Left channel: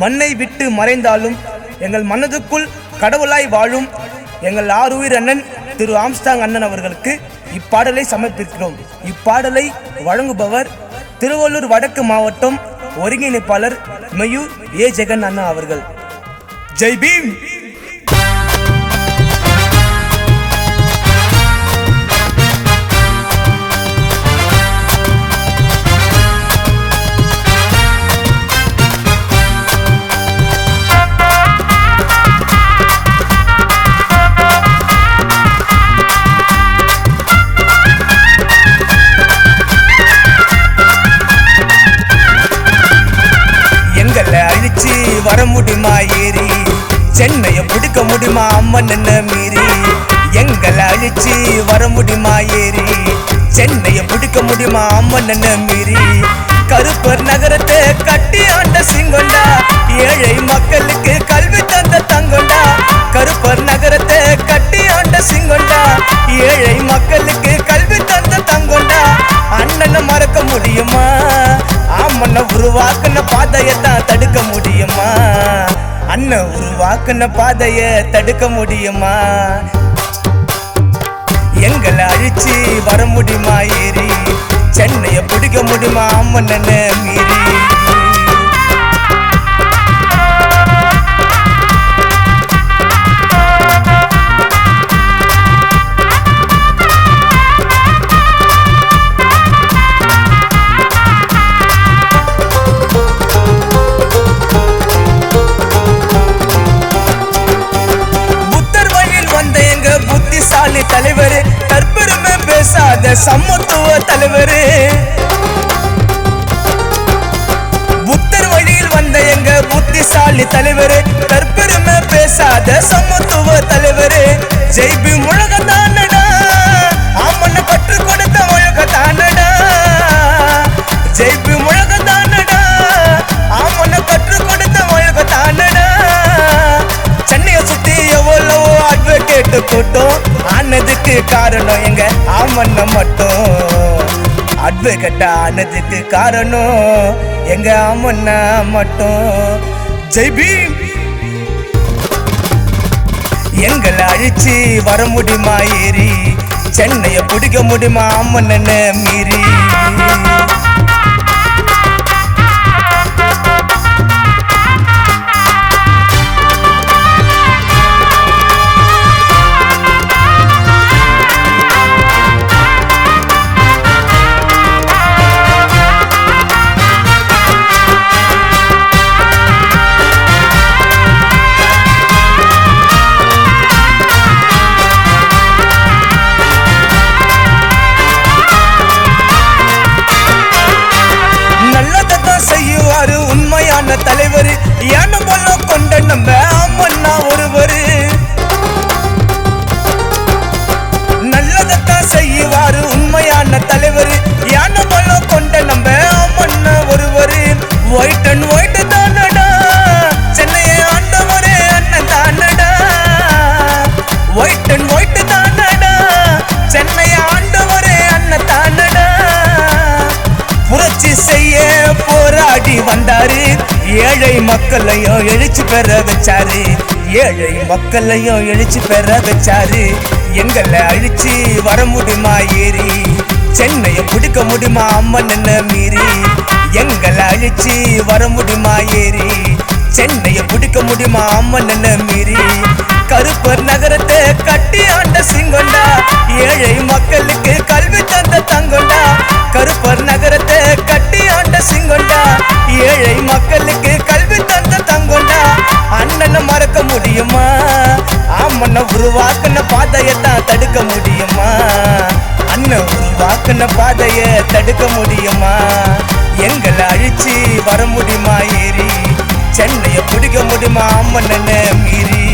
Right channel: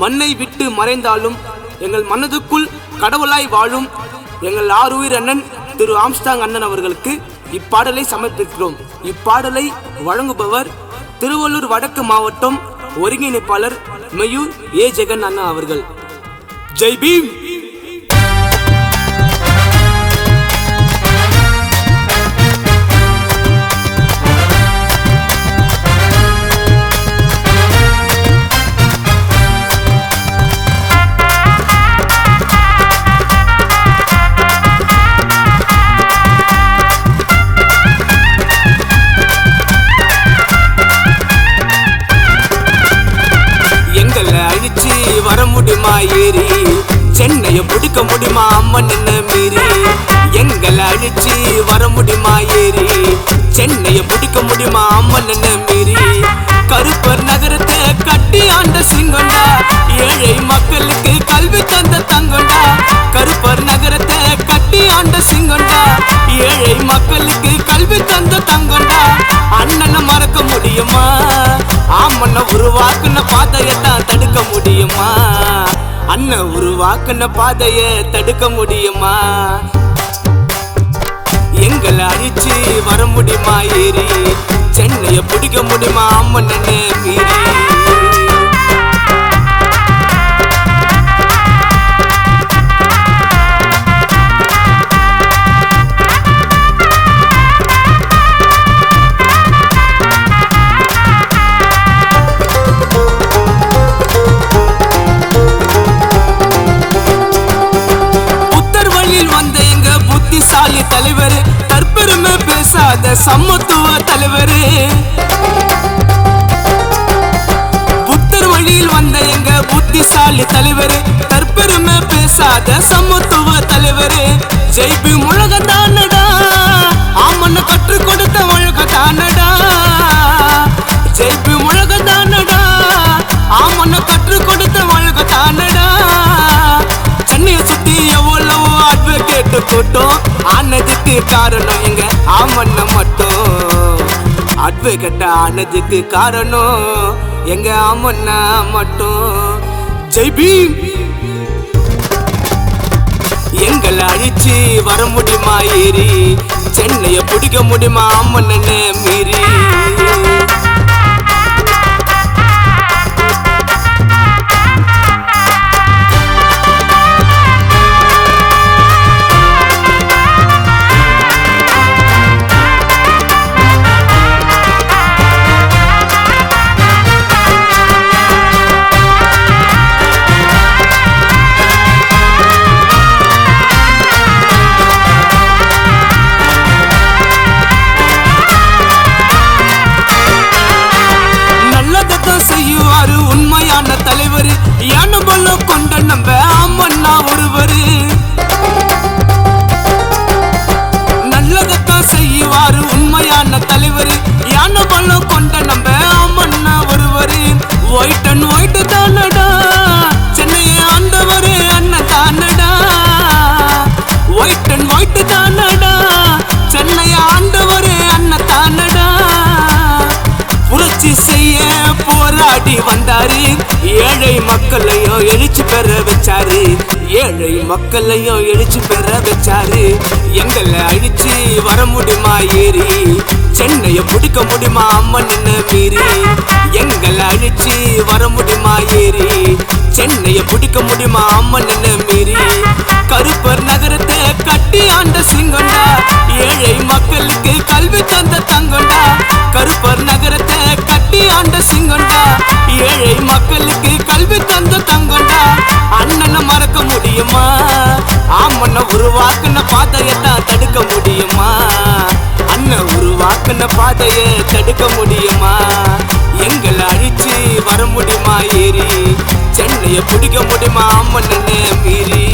மண்ணை விட்டு மறைந்தாலும் எங்கள் மனதுக்குள் கடவுளாய் வாழும் எங்கள் ஆறுயிர் அண்ணன் திரு ஆம்ஸ்டாங் அண்ணன் அவர்களுக்கு இப்பாடலை சமர்ப்பிக்கிறோம். இப்பாடலை வழங்குபவர் திருவள்ளூர் வடக்கு மாவட்டம் ஒருங்கிணைப்பாளர் மெயூர் ஏ. ஜெகன் அண்ணா அவர்கள். ஜெய் பீம்! எங்களை அழிச்சு வர முடியுமா ஏறி? சென்னைய பிடிக்க முடியுமா அம்மன் என்ன மீறி? எங்களை அழிச்சு வர முடியுமா ஏறி? சென்னைய பிடிக்க முடியுமா அம்மன் என்ன மீறி? கருப்பர் நகரத்தை கட்டி ஆண்ட சிங்கொண்டா? ஏழை மக்களுக்கு கல்வி தந்த தங்கொண்டா? கருப்பர் நகரத்தை கட்டி ஆண்ட சிங்கொண்டா? ஏழை மக்களுக்கு கல்வி தந்த தங்கொண்டா? அண்ணனை மறக்க முடியுமா? ஆமண்ண உருவாக்குன பாதையத்தான் தடுக்க முடியுமா? அண்ணன் உருவாக்குன பாதைய தடுக்க முடியுமா? எங்களை அழிச்சு வர முடியுமா ஏறி சென்னைய பிடிக்க முடியுமா அம்மன்னு மீறி? சமத்துவ தலைவர். புத்தர் வழியில் வந்த எங்க புத்திசாலி தலைவர். தற்பெருமை பேசாத சமத்துவ தலைவர். காரணம் எங்க? ஆமண்ண மட்டும். அட்வொகேட் ஆனதுக்கு காரணம். எங்க ஆமண்ணா மட்டும். ஜெய் பீம்! எங்களை அழிச்சு வர முடியுமா ஏறி? சென்னைய பிடிக்க முடியுமா அம்மன் மீறி? கொண்ட நம்ம அம்மன்னா ஒருவரு. நல்லதத்தான் செய்யுவாரு உண்மையான தலைவர். வந்தாரு. ஏழை மக்களையும் எழுச்சி பெற வச்சாரு. ஏழை மக்களையும் எழுச்சி பெற வச்சாரு. எங்களை அழிச்சு வர முடியுமா ஏறி? சென்னையை பிடிக்க முடியுமா அம்மன் என்ன மீறி? எங்களை அழிச்சு வர முடியுமா ஏறி? சென்னையை பிடிக்க முடியுமா அம்மன் என்ன மீறி? கருப்பர் நகரத்தை கட்டி ஆண்ட சிங்கண்டா ஏழை மக்களுக்கு கல்வி தந்த தங்க முடியுமா? ஆமண்ண உருவாக்குன பாதையத்தான் தடுக்க முடியுமா? அண்ணன் உருவாக்குன பாதைய தடுக்க முடியுமா? எங்களை அழிச்சு வர முடியுமா ஏறி சென்னைய பிடிக்க முடியுமா அம்மன் மீறி?